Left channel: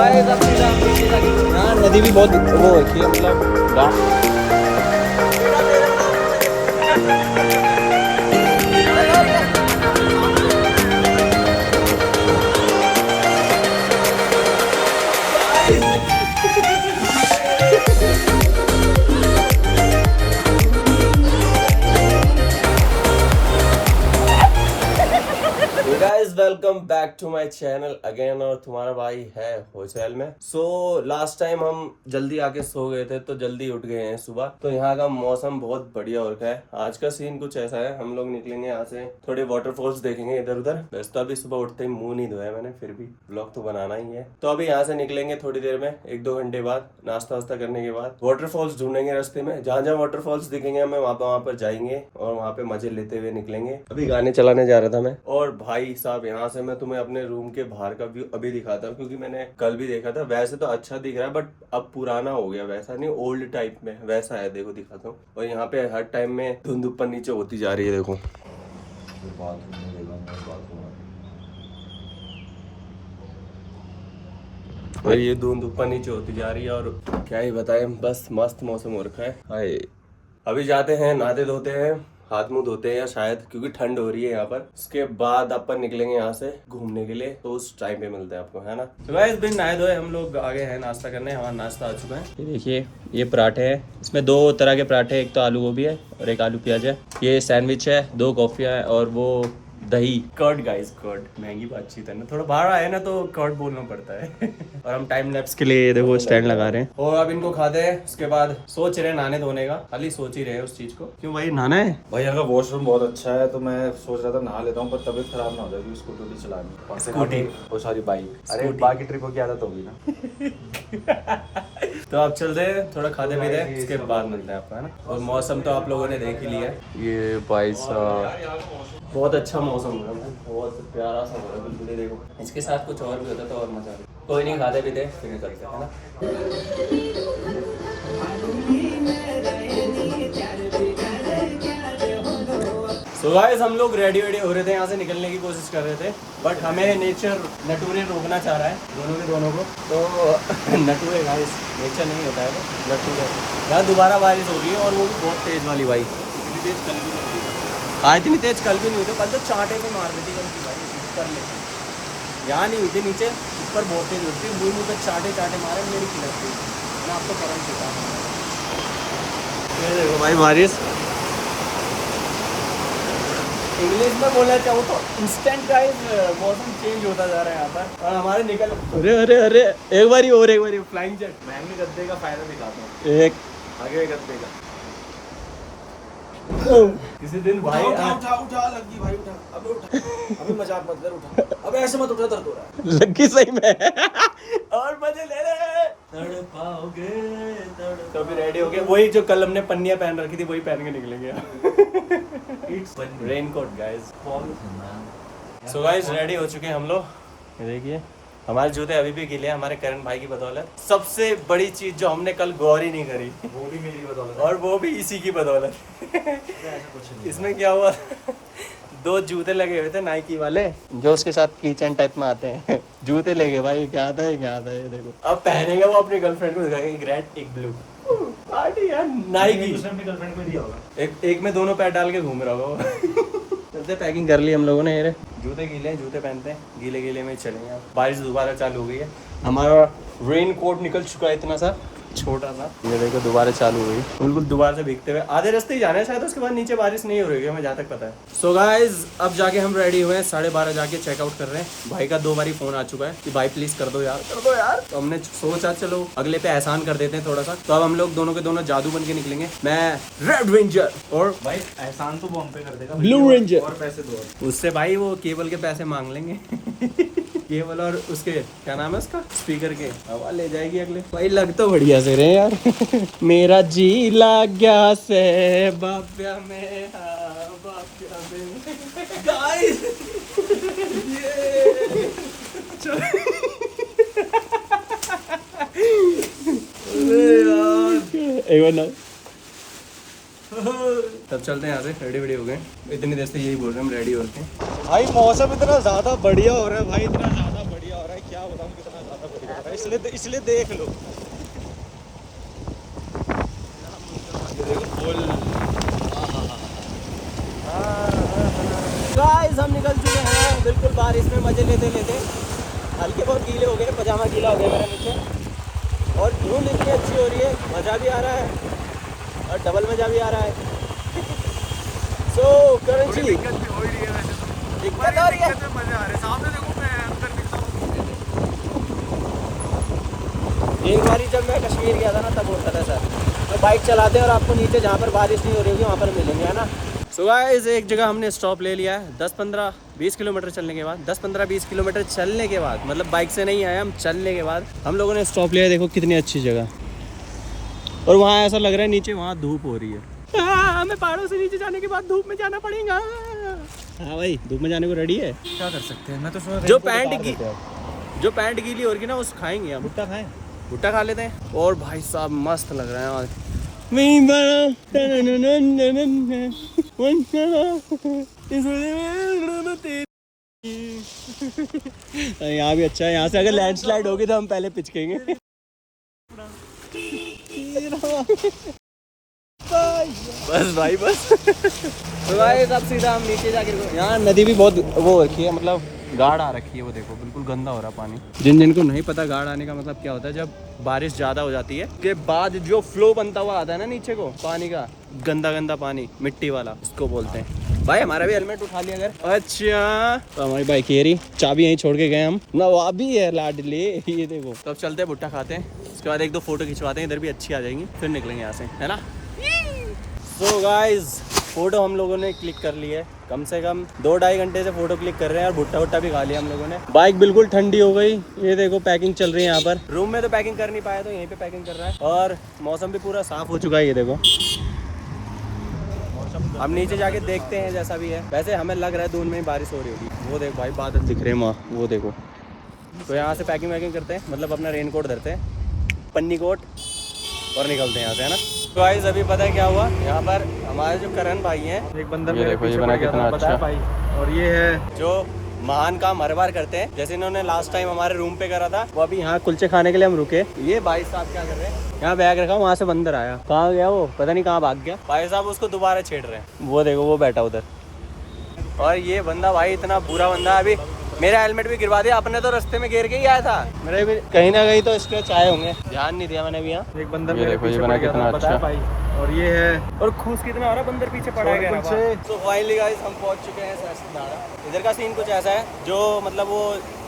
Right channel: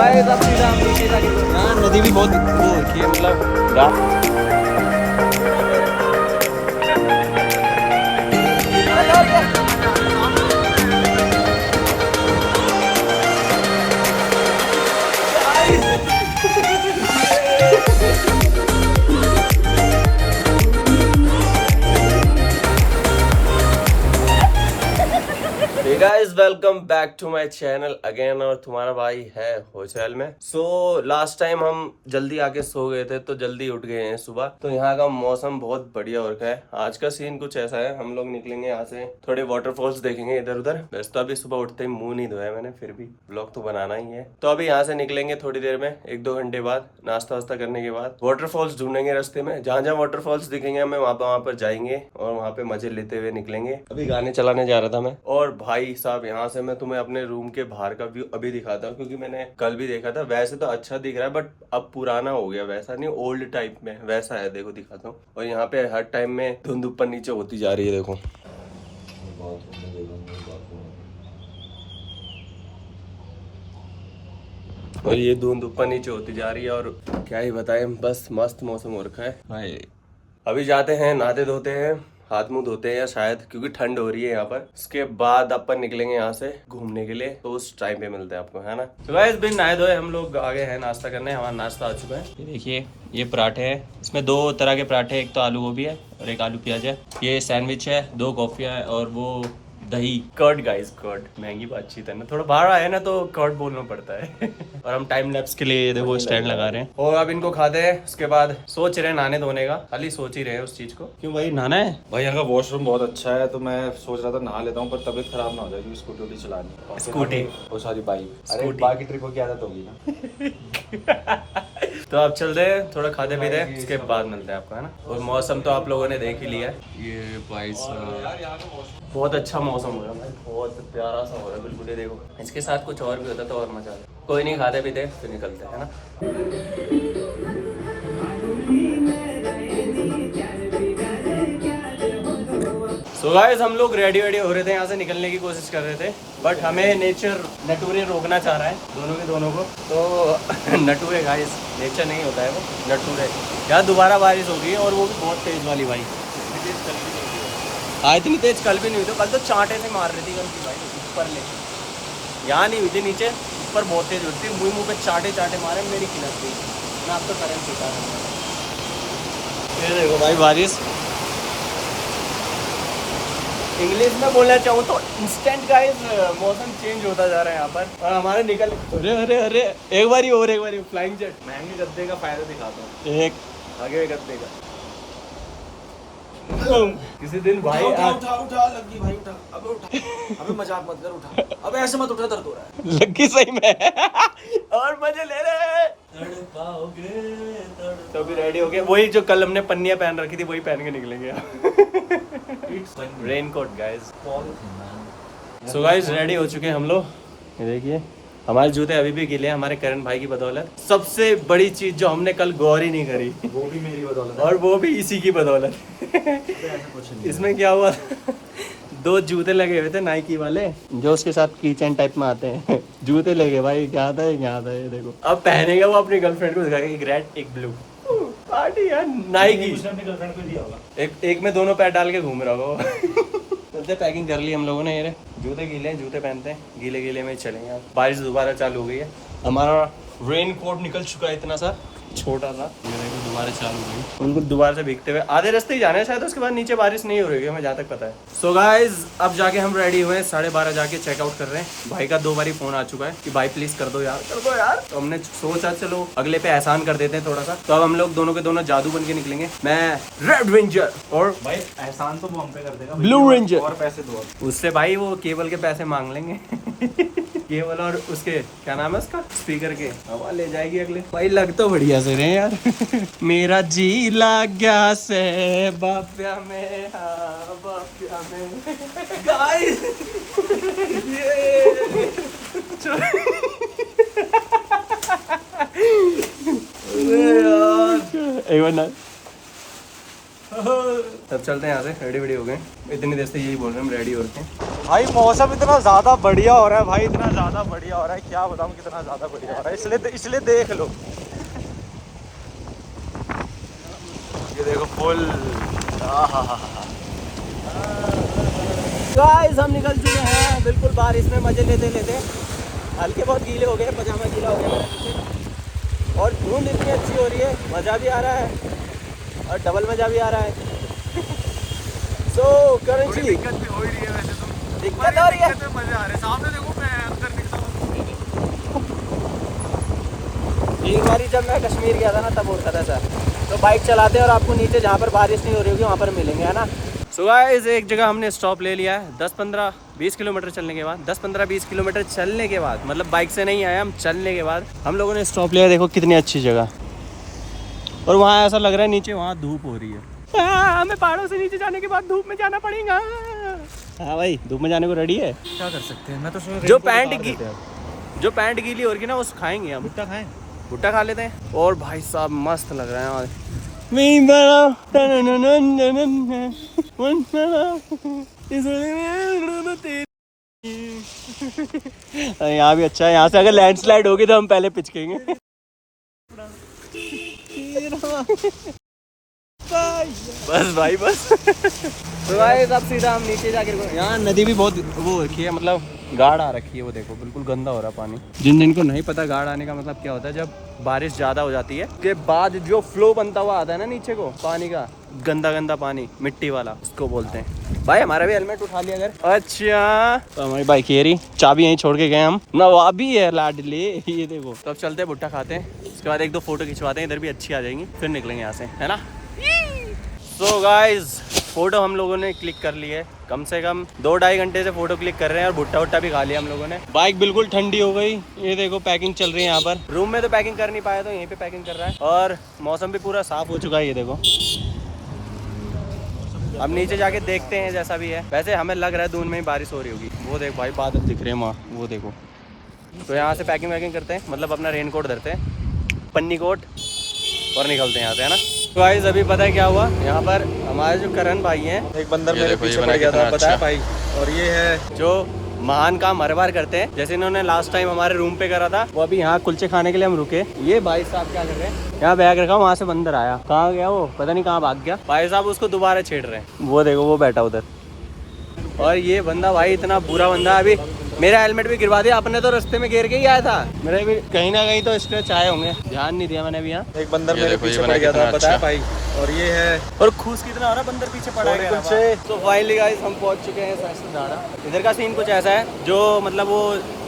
यहाँ नदी भी बहुत वो है मतलब guys welcome back to my channel again. और तुम्हारा भाई है होटल में। सो लास्ट टाइम हम जल्दी आके सो गए थे तो जल्दी उठ गए हैं सुबह। तो यहाँ का मौसम बहुत बढ़िया हो रखा है। आज का सीन कुछ ऐसा है, हम लोग निकलेंगे यहाँ से, थोड़े वाटरफॉल्स देखेंगे इधर उधर। वैसे तो अभी सुबह उठते ही मुंह नहीं धोया मैंने, फिर भी व्लॉग तो बनाना ही है। तो अभी यहाँ से निकलेंगे थोड़ी देर में, 1-2 घंटे बाद नाश्ता वास्ता करने के बाद वाटरफॉल्स ढूंढेंगे रास्ते में। जहाँ जहाँ वाटरफॉल्स दिखेंगे हमें वहाँ पर जाएंगे और वहाँ पे मजे लेते हुए निकलेंगे। अभी गाने चलाने जा रहा था मैं। और भाई साहब यहाँ से मैं तुम्हें अपने रूम के बाहर का व्यू अभी दिखाता हूँ, क्योंकि मैंने कल भी देखा था। वैसे तो अच्छा दिख रहा है बट अब पुराना हो गया, वैसा नहीं, ओल्ड टाइप में वैसा है। देखो दिखाता हूँ। और यहाँ पे हर टाइम में धुंध ऊपर नीचे होती जा रही है, देखो। और ये धुंध ऊपर नीचे होती जा रही है और क्या ही बताएं, बस मस्त मौसम हो रखा है। हाय अभी जाते हैं, नहाते धोते हैं, हाथ मुंह धोते हैं या शायद, क्योंकि ठंड हो रही है यहाँ पर। उसके बाद अपन निकलेंगे यहाँ से घूमने के लिए। तो उस टाइम पे मिलते हैं आपको, है ना। तो गाइस बिन नहाए धोए हम लोग आ गए हैं नाश्ता करने। हमारा नाश्ता आ चुका है। ये देखिए, ये पराठे है। इसमें 2 तरह के पराठे, एक तो आलू गोभी है और एक आलू प्याज है। ये सैंडविच है, 2 कॉफियाँ है और वो दही कर्ड। गाइस कर्ड महंगी बातचीत है ना, थोड़ा बाहर आए ना तो कर्ड बोलना पड़ता है। और हम टाइम लैप्स के लिए देखो स्टैंड लगा रहे हैं। और अब इनको खाते हैं, उसके बाद सोच रहे हैं नहाने धोने का। खाली सोच ही रहे हैं उस चीज को। क्यों भाई नहाना है? भाई यहाँ का वॉशरूम बहुत अच्छा है, तो मैं सोच रहा था नहा लेता हूँ, पर तबीयत खराब ना हो जाए क्योंकि स्कूटी चलानी। स्कूटी वो सारी बाइक, अरे बाकी ट्रिपों की आदत होगी ना। तो अब चलते हैं, थोड़ा खाते पीते हैं, उसके बाद मिलते हैं आपको, है ना। और मौसम तो आप लोगों ने देख ही लिया है। ये भाई साहब बहुत अच्छा मौसम हो रहा है, बहुत प्यारा सा हो रहा है बिल्कुल। ही देखो, इसके साथ कुछ और भी होता तो और मजा आता। कोई नहीं, खाते पीते फिर निकलते हैं, है ना। सो गाइस हम लोग रेडी हो रहे थे, यहाँ से निकलने की कोशिश कर रहे थे, बट हमें नेचर नटूरे रोकना चाह रहा है, दोनों को। तो नटूरे गाइस, नेचर नहीं होता है वो, नटूरे। यहाँ दोबारा बारिश हो गई है और वो भी बहुत तेज वाली भाई। हाँ इतनी तेज कल भी नहीं हुई थी, कल तो चांटे से मार रही थी कल की भाई ऊपर में। यहाँ नहीं हुई थी, नीचे ऊपर बहुत तेज होती थी। मुँह पे चांटे मारे, मेरी खिलक थी। मैं आपको करम सीखा। ये देखो भाई बारिश। इंग्लिश में बोलना चाहूँ तो इंस्टेंट गाइस मौसम चेंज होता जा रहा है यहाँ पर। और हमारे निकल अरे एक बारी फ्लाइंग जेट। महंगे गद्दे का फायदा दिखाता हूँ, एक आगे गद्दे का। किसी दिन भाई उठा लगी भाई, उठा अबे मजाक मत कर, उठा अबे ऐसे मत उठा, दर्द हो रहा है। लगी सही में। और मजे ले रहे तड़पाओगे। तो अभी रेडी हो गए, वही जो कल हमने पन्नियां पहन रखी थी वही पहन के निकलेंगे। Raincoat guys. So guys ready हो चुके हैं हम लोग। ये देखिए हमारे जूते अभी भी गीले हैं, हमारे करण भाई की बदौलत। सबसे बड़ी चीज जो हमने कल गौर ही नहीं करी, वो भी मेरी बदौलत है। और वो भी इसी की बदौलत। ऐसा कुछ नहीं। इसमें क्या हुआ, 2 जूते लगे हुए थे नाइकी वाले, जो उसके साथ कीचेन टाइप में आते हैं। जूते लगे भाई, क्या था ये देखो। अब पहनेगा वो अपनी गर्लफ्रेंड को दिखाएगा, एक रेड एक ब्लू। पार्टी यार नाइकी। गर्लफ्रेंड को दिया होगा। एक में दोनों पैर डाल के घूम रहा होगा। चलते, पैकिंग कर ली हम लोगों ने। ये जूते गीले हैं, जूते पहनते हैं, गीले में ही चलेंगे। बारिश दोबारा चालू हो गई है। हमारा रेन कोट निकल चुका है इतना सा छोटा सा। ये देखो दोबारा चालू हो गई, बिल्कुल दोबारा से भीगते हुए। आधे रास्ते ही जाना है शायद, उसके बाद नीचे बारिश नहीं हो रही है, हमें जहाँ तक पता है। सो गाइज अब जाके हम रेडी हुए हैं, 12:30 जाके चेकआउट कर रहे हैं। भाई का 2 बारी फोन आ चुका है कि भाई प्लीज कर दो यार। तो हमने सोचा चलो अगले पे एहसान कर देते हैं थोड़ा सा। तो अब हम लोग दोनों के दोनों जादू बन के निकलेंगे। मैं रेड रेंजर और भाई एहसान तो वो हम पे कर देगा, ब्लू रेंजर। और पैसे दो उससे भाई वो केबल के पैसे मांग लेंगे। केबल और उसके क्या नाम है उसका, स्पीकर के हवा ले जाएगी अगले। भाई लग तो बढ़िया से रहे यार। मेरा जी लग गया से बाप्या में, हाँ बाप्या में। गाइस एक बार ना तब चलते हैं यहाँ से। रेडी हो गए, इतनी देर से यही बोल रहे हैं हम, रेडी हो रहे हैं। भाई मौसम इतना ज्यादा बढ़िया हो रहा है भाई, इतना ज्यादा ज्यादा बढ़िया हो रहा है, क्या बताऊं कितना ज्यादा बढ़िया हो रहा है, इसलिए देख लो। ये देखो फुल। गाइस हम निकल चुके हैं बिल्कुल बारिश में मजे लेते लेते। हल्के बहुत गीले हो गए, पजामा गीला हो गया मेरे नीचे। और धुंध इतनी अच्छी हो रही है, मज़ा भी आ रहा है और डबल मज़ा भी आ रहा है। सो करण जी, दिक्कत भी हो ही रही है वैसे तो। दिक्कत हो रही है, मजे आ रहे हैं। सामने देखो, मैं अंदर निकला हूँ। एक बारी जब मैं कश्मीर गया था ना तब होता था सर। तो बाइक चलाते हैं और आपको नीचे जहाँ पर बारिश नहीं हो रही होगी वहाँ पर मिलेंगे, है ना। सो गाइस एक जगह हमने स्टॉप ले लिया है। 10-15-20 किलोमीटर चलने के बाद, 10-15-20 किलोमीटर चलने के बाद, मतलब बाइक से नहीं आया, हम चलने के बाद हम लोगों ने स्टॉप लिया। देखो कितनी अच्छी जगह, और वहाँ ऐसा लग रहा है नीचे वहाँ धूप हो रही है। हमें पहाड़ों से नीचे जाने के बाद धूप में जाना पड़ेगा। हाँ भाई, धूप में जाने को रेडी है। क्या कर सकते हैं, मैं तो जो पैंट गीली हो रही है ना वो खाएंगे हम। भुट्टा खाएं। भुट्टा खा लेते हैं। और भाई साहब मस्त लग रहा है आज। यहाँ भी अच्छा है, यहाँ से अगर लैंडस्लाइड होगी तो हम पहले पिचकेंगे। बस भाई बस। तो भाई अब सीधा हम नीचे जाकर, यहाँ नदी भी बहुत वो रखी है, मतलब गाढ़ आ रखी है। वो देखो बिल्कुल गंदा हो रहा है पानी। जिनको नहीं पता गाढ़ आने का मतलब क्या होता है, जब बारिश ज़्यादा हो जाती है के बाद जो फ्लो बनता हुआ आता है ना नीचे को पानी का, गंदा गंदा पानी मिट्टी वाला, उसको बोलते हैं। भाई हमारा भी हेलमेट उठा लिया अगर। अच्छा तो हमारी बाइक ये रही, चाबी यहीं छोड़ के गए हम। नवाबी है लाडले। ये देखो, तो अब चलते हैं भुट्टा खाते हैं, उसके बाद 1-2 फोटो खिंचवाते हैं, इधर भी अच्छी आ जाएंगी, फिर निकलेंगे यहाँ से, है ना। सो गाइज फोटो हम लोगों ने क्लिक कर ली है, कम से कम 2-2.5 घंटे से फोटो क्लिक कर रहे हैं, और भुट्टा वुट्टा भी खा लिया हम लोगों ने। बाइक बिल्कुल ठंडी हो गई। ये देखो पैकिंग चल रही है यहाँ पर। रूम में तो पैकिंग कर नहीं पाया, तो यहीं पे पैकिंग कर रहा है। और मौसम भी पूरा साफ हो चुका है, ये देखो। अब नीचे जाके देखते हैं जैसा भी है। वैसे हमें लग रहा है दून में ही बारिश हो रही होगी। वो देखो भाई बादल दिख रहे हैं वहाँ, वो देखो। तो यहाँ से पैकिंग वैकिंग करते हैं, मतलब अपना रेन कोट धरते हैं, पन्नी कोट, और निकलते हैं यहाँ से, है ना। तो गाइस अभी पता है क्या हुआ, यहाँ पर हमारे जो करण भाई हैं, एक बंदर ये देखो, ये बना कितना अच्छा भाई। और ये है जो महान काम हर बार करते हैं, जैसे इन्होंने लास्ट टाइम हमारे रूम पे करा था। वो अभी यहाँ कुलचे खाने के लिए हम रुके। ये भाई साहब क्या कर रहे हैं, यहाँ बैग रखा, वहाँ से बंदर आया, कहाँ गया वो पता नहीं, कहाँ भाग गया। भाई साहब उसको दोबारा छेड़ रहे हैं, वो देखो वो बैठा उधर। और ये बंदा भाई इतना बुरा बंदा, अभी मेरा हेलमेट भी गिरवा दिया। अपने तो रास्ते में गिर के ही आया था, मेरे भी कहीं ना कहीं तो स्क्रैच आए होंगे, ध्यान नहीं दिया मैंने भी। यहाँ एक बंदर, ये देखो, ये बना कितना अच्छा भाई। और ये है, और खूस कितना हो रहा है, बंदर पीछे पड़ा है। तो फाइनली गाइस हम पहुंच चुके हैं साइंसदाना। इधर का सीन कुछ ऐसा है, जो मतलब वो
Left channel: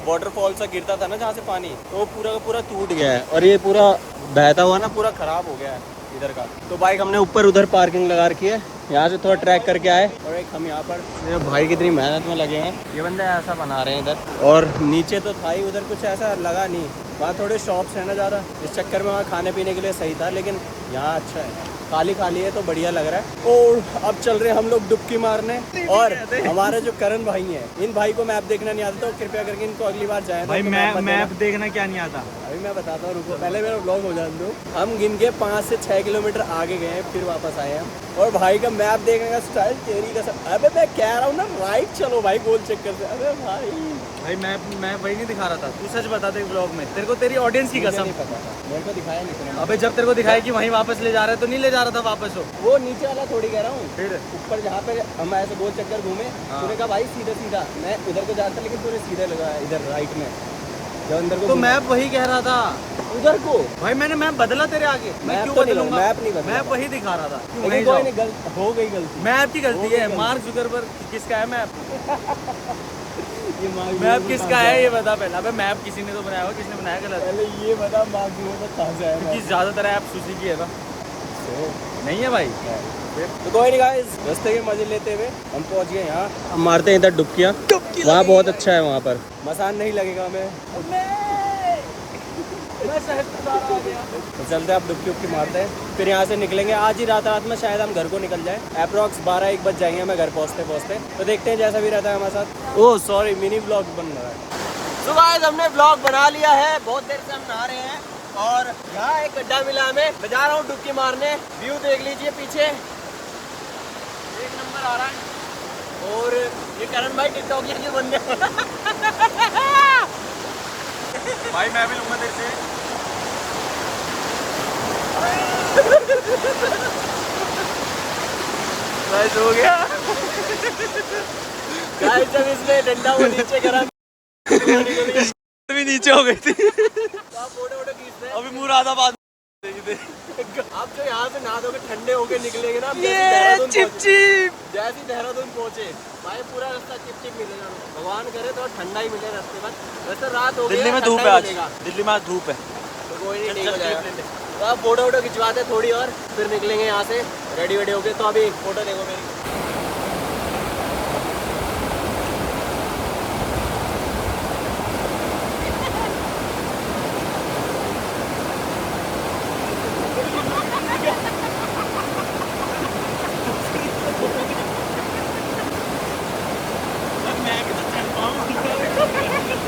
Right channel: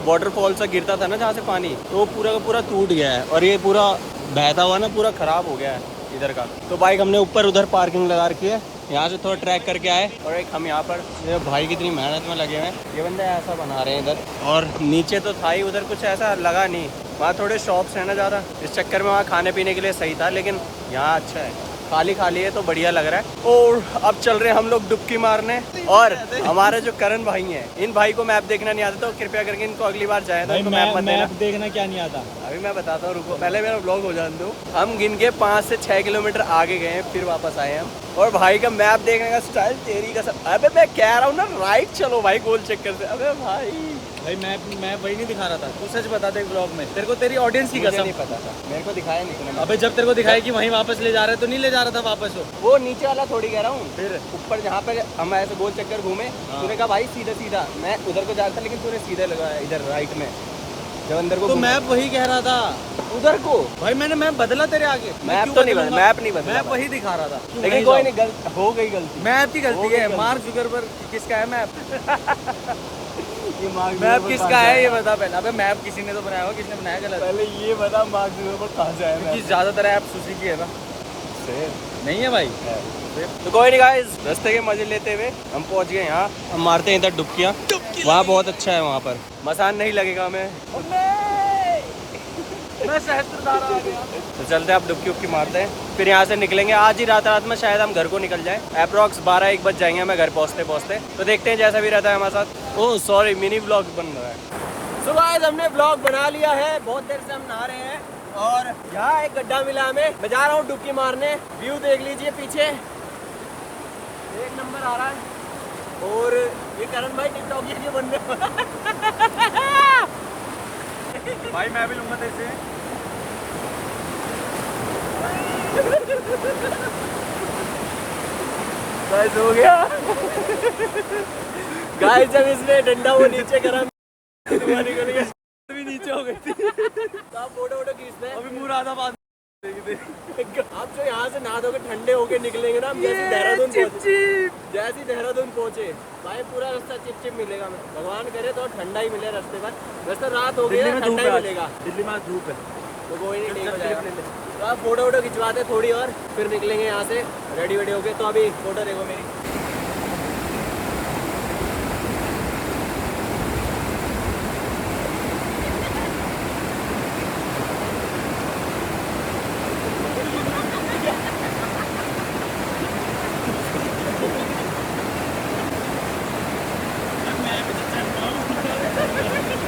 वाटरफॉल से गिरता था ना जहाँ से पानी, तो वो पूरा का पूरा टूट गया है, और ये पूरा बहता हुआ ना पूरा खराब हो गया है इधर का। तो बाइक हमने ऊपर उधर पार्किंग लगा रखी है, यहाँ से थोड़ा ट्रैक करके आए, और एक हम यहाँ पर, ये भाई कितनी मेहनत में लगे हैं, ये बंदे ऐसा बना रहे हैं इधर। और नीचे तो था ही, उधर कुछ ऐसा लगा नहीं, वहाँ थोड़े शॉप्स है ना ज़्यादा, इस चक्कर में वहाँ खाने पीने के लिए सही था, लेकिन यहाँ अच्छा है, खाली खाली है तो बढ़िया लग रहा है। और अब चल रहे हैं हम लोग डुबकी मारने। और हमारे जो करण भाई हैं, इन भाई को मैप देखना नहीं आता, तो कृपया करके इनको अगली बार जाए भाई मैप देखना क्या नहीं आता। अभी मैं बताता हूँ, रुको पहले मेरा ब्लॉग हो जाने दो। हम गिन के 5 से 6 किलोमीटर आगे गए, फिर वापस आए हम। और भाई का मैप देखने का स्टाइल तेरी का सब। अबे मैं कह रहा हूँ ना राइट चलो भाई, गोल चक्कर से। अबे भाई मैप वही नहीं दिखा रहा था, तू सच बता दे ब्लॉग में, तेरे को तेरी ऑडियंस की कसम नहीं पता था, मेरे को दिखाया नहीं। अबे जब तेरे को दिखाया कि वहीं वापस ले जा रहा है, तो नहीं ले जा रहा था वापस वो नीचे वाला थोड़ी कह रहा हूँ, फिर ऊपर जहाँ पे हम ऐसे गोल चक्कर घूमे, तूने कहा भाई सीधा सीधा, मैं उधर को जा रहा था, लेकिन तूने सीधे लगाया इधर राइट में, जब अंदर को। तो मैप वही कह रहा था उधर को। भाई मैंने मैप बदला तेरे आगे, मैप तो नहीं बदला, मैप वही दिखा रहा था, लेकिन कोई नहीं, हो गई गलती, मैप की गलती है। मार्क जुकरबर्ग किसका है मैप? मैप किसका है ये बता पहले। अबे मैप किसी ने तो बनाया होगा, किसने बनाया गलत? पहले ये बता मार्क जुकरबर्ग कहाँ से आया? क्योंकि ज्यादातर ऐप सुजुकी है ना, नहीं है भाई। तो कोई नहीं गाइस, रास्ते के मजे लेते हुए हम पहुंच गए यहाँ। हम मारते हैं इधर डुबकियाँ, वहाँ बहुत अच्छा है, वहाँ पर मसान नहीं लगेगा हमें। तो चलते हैं अब, डुबकी उबकी मारते हैं, फिर यहाँ से निकलेंगे। आज ही रात में शायद हम घर को निकल जाए, अप्रॉक्स 12-1 बज जाएंगे हमें घर पहुँचते। तो देखते हैं जैसा भी रहता है हमारे साथ। ओह सॉरी, मिनी ब्लॉग बन रहा है। तो गाइस हमने ब्लॉग बना लिया है, बहुत देर से हम नहा रहे हैं, और यहाँ एक गड्ढा मिला हमें, मैं जा रहा हूँ डुबकी मारने। व्यू देख लीजिए पीछे, एक नंबर आ रहा है। और ये करण भाई टिकटॉकर के बंदे भाई मैं भी लूंगा तेरे से। गाइस हो गया। गाइस जब इसने डंडा वो नीचे करा भी नीचे हो गई थी। आप फोटो वोटो खींचते हैं। अभी मुरादाबाद आप जो यहाँ से नहा धो के ठंडे होके निकलेंगे ना, जैसी देहरादून पहुंचे भाई पूरा रास्ता चिप चिप मिलेगा। मैं भगवान करे तो ठंडा ही मिले रास्ते पर। वैसे रात हो गई दिल्ली है, में धूप ठंडा है ही मिलेगा। दिल्ली में धूप है। तो कोई नहीं, ठीक हो चल जाएगा। क्लिप ले ले। तो आप फोटो वोटो खिंचवाते थोड़ी और फिर निकलेंगे यहाँ से रेडी वेडी होके। तो अभी फोटो देखो मेरी।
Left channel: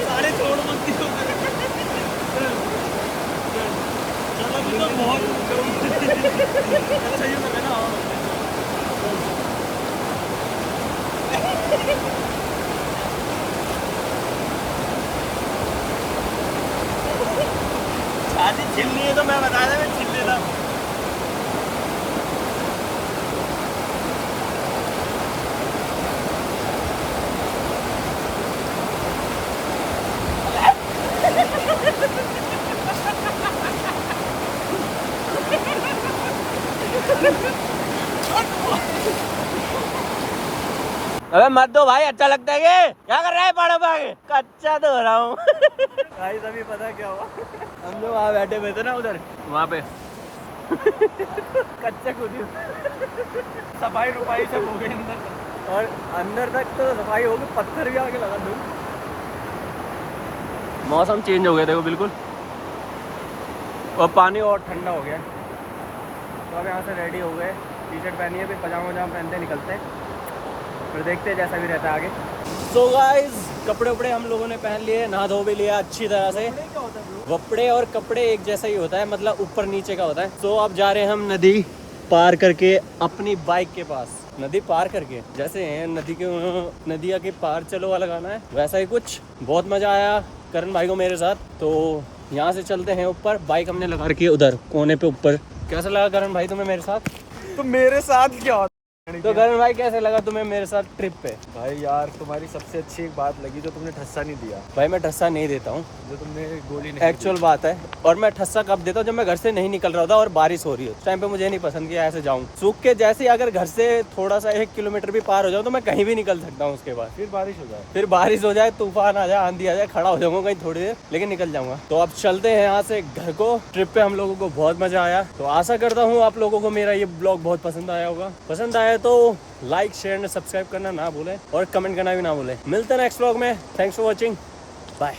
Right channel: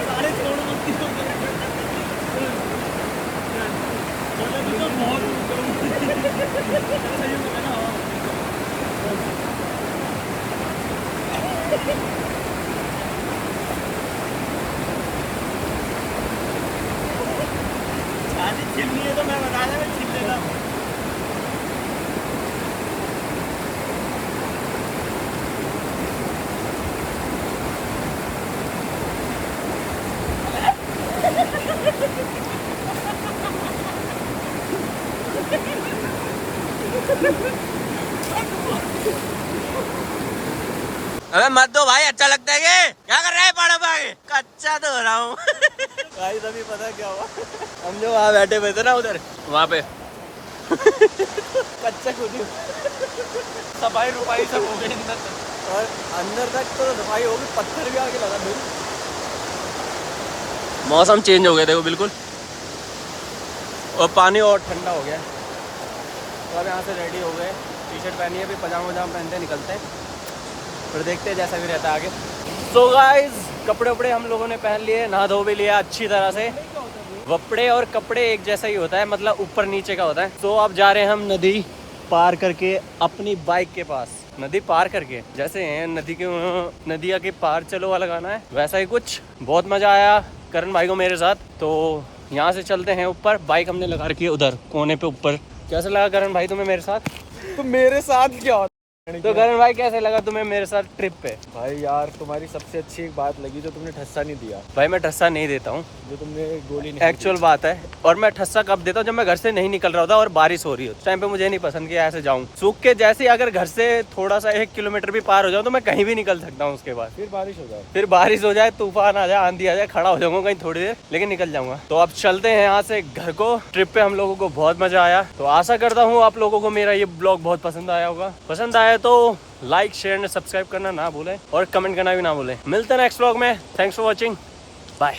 सारे छोड़ मत दियो। चलो अभी तो बहुत चलो सही हो गया ना। शादी छिलनी है तो मैं बता दें, मैं छिल लेता हूँ। अबे मत दो भाई, अच्छा लगता है ये। क्या कर रहा है पहाड़ों पे आगे? कच्चा धो रहा हूँ। गाइस अभी पता है क्या हुआ, हम जो वहाँ बैठे हुए थे ना उधर, वहाँ पे कच्चा खुद सफाई रुपाई सब हो गई अंदर तक। और अंदर तक तो सफाई होगी, पत्थर भी आके लगा दूँ। मौसम चेंज हो गया देखो बिल्कुल, और पानी और ठंडा हो गया। तो अब यहाँ से रेडी हो गए, टी शर्ट पहनी है, फिर पजामा वजामा पहनते निकलते हैं, फिर देखते हैं जैसा भी रहता है आगे। सो गाइस कपड़े वपड़े हम लोगों ने पहन लिए, नहा धो भी लिया अच्छी तरह से। वपड़े और कपड़े एक जैसा ही होता है, मतलब ऊपर नीचे का होता है। सो अब जा रहे हैं हम नदी पार करके अपनी बाइक के पास। नदी पार करके जैसे नदी के नदिया के पार चलो वाला गाना है, वैसा ही कुछ। बहुत मजा आया करण भाई को मेरे साथ। तो यहाँ से चलते हैं ऊपर, बाइक हमने लगा रखी है उधर कोने पे ऊपर। कैसा लगा करण भाई तुम्हें मेरे साथ? तो मेरे साथ क्या होता तो करण भाई कैसे लगा तुम्हें मेरे साथ ट्रिप पे? भाई यार तुम्हारी सबसे अच्छी एक बात लगी, जो तुमने ठस्सा नहीं दिया। भाई मैं ठस्सा नहीं देता हूँ, जो तुमने गोली नहीं एक्चुअल बात है। और मैं ठस्सा कब देता हूँ? जब मैं घर से नहीं निकल रहा होता और बारिश हो रही हो, उस टाइम पे मुझे नहीं पसंद कि ऐसे जाऊँ सूख के। जैसे अगर घर से थोड़ा सा 1 किलोमीटर भी पार हो जाऊँ तो मैं कहीं भी निकल सकता हूँ। उसके बाद फिर बारिश हो जाए, फिर बारिश हो जाए, तूफान आ जाए, आंधी आ जाए, खड़ा हो जाऊंगा कहीं थोड़ी देर, लेकिन निकल जाऊंगा। तो अब चलते हैं यहाँ से घर को। ट्रिप पे हम लोगों को बहुत मजा आया। तो आशा करता हूँ आप लोगों को मेरा ये ब्लॉग बहुत पसंद आया होगा। पसंद आया तो लाइक शेयर और सब्सक्राइब करना ना भूलें, और कमेंट करना भी ना भूलें। मिलते हैं नेक्स्ट व्लॉग में। Thanks for watching, bye.